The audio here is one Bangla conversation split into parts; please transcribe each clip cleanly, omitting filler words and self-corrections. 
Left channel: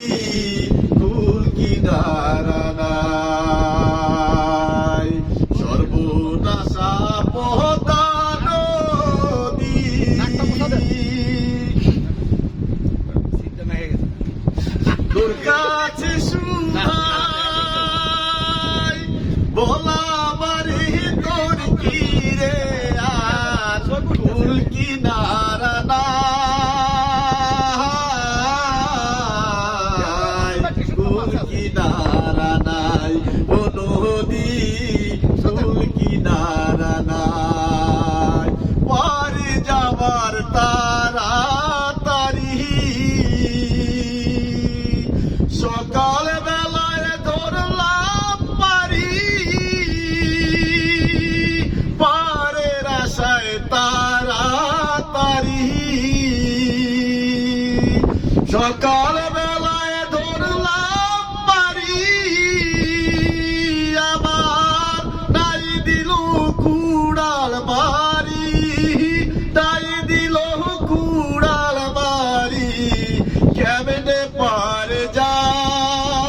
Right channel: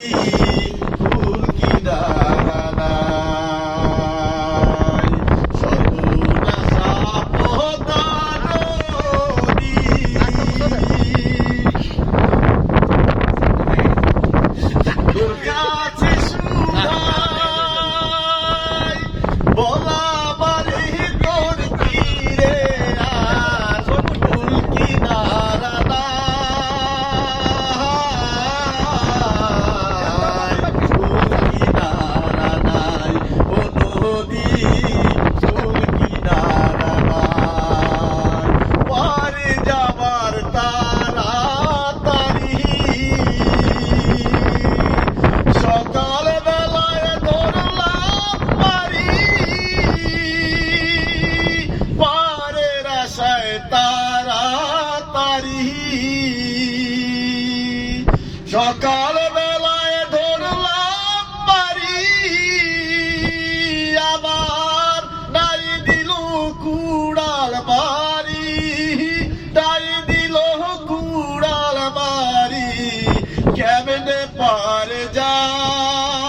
কুল কিনারা নাই, সর্বনাশা পদ্মা নদী। তোর কাছে শুনাই বলা বারে তোর কিরে আর কুল কিনারা নাই, কুল কিনারা নাই, ও নদী কুল কিনারা নাই। পারে যাবার তাড়াতাড়ি সকাল বেলায় ধরলাম পারি, পারের আশায় তাড়াতাড়ি সকাল বেলায় ধরলাম পারি। আমার নাই দিল কুড়াল বাড়ি, নাই দিল কুড়াল বাড়ি, কেমনে পার যায়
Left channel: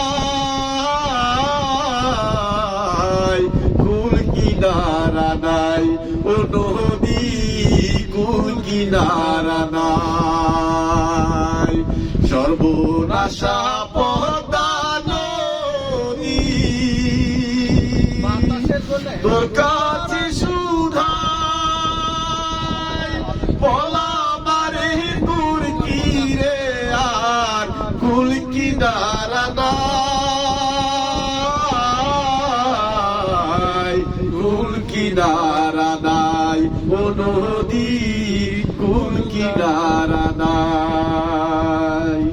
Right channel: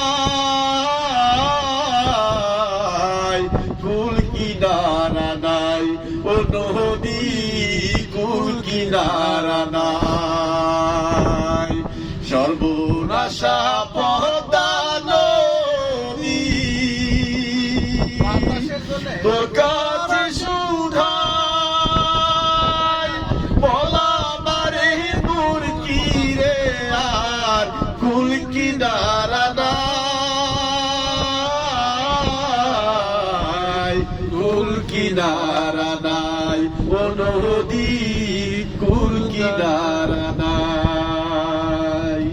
কুল কিনারা নাই, ও নদী কুল কিনারা নাই, সর্বনাশা পদ্মা নদী। তোর কাছে শুধাই বলা মারে তোর কিরে আর কুল কিনারা নাই, কুল কিনারা নাই, ও নদী কুল কিনারা নাই।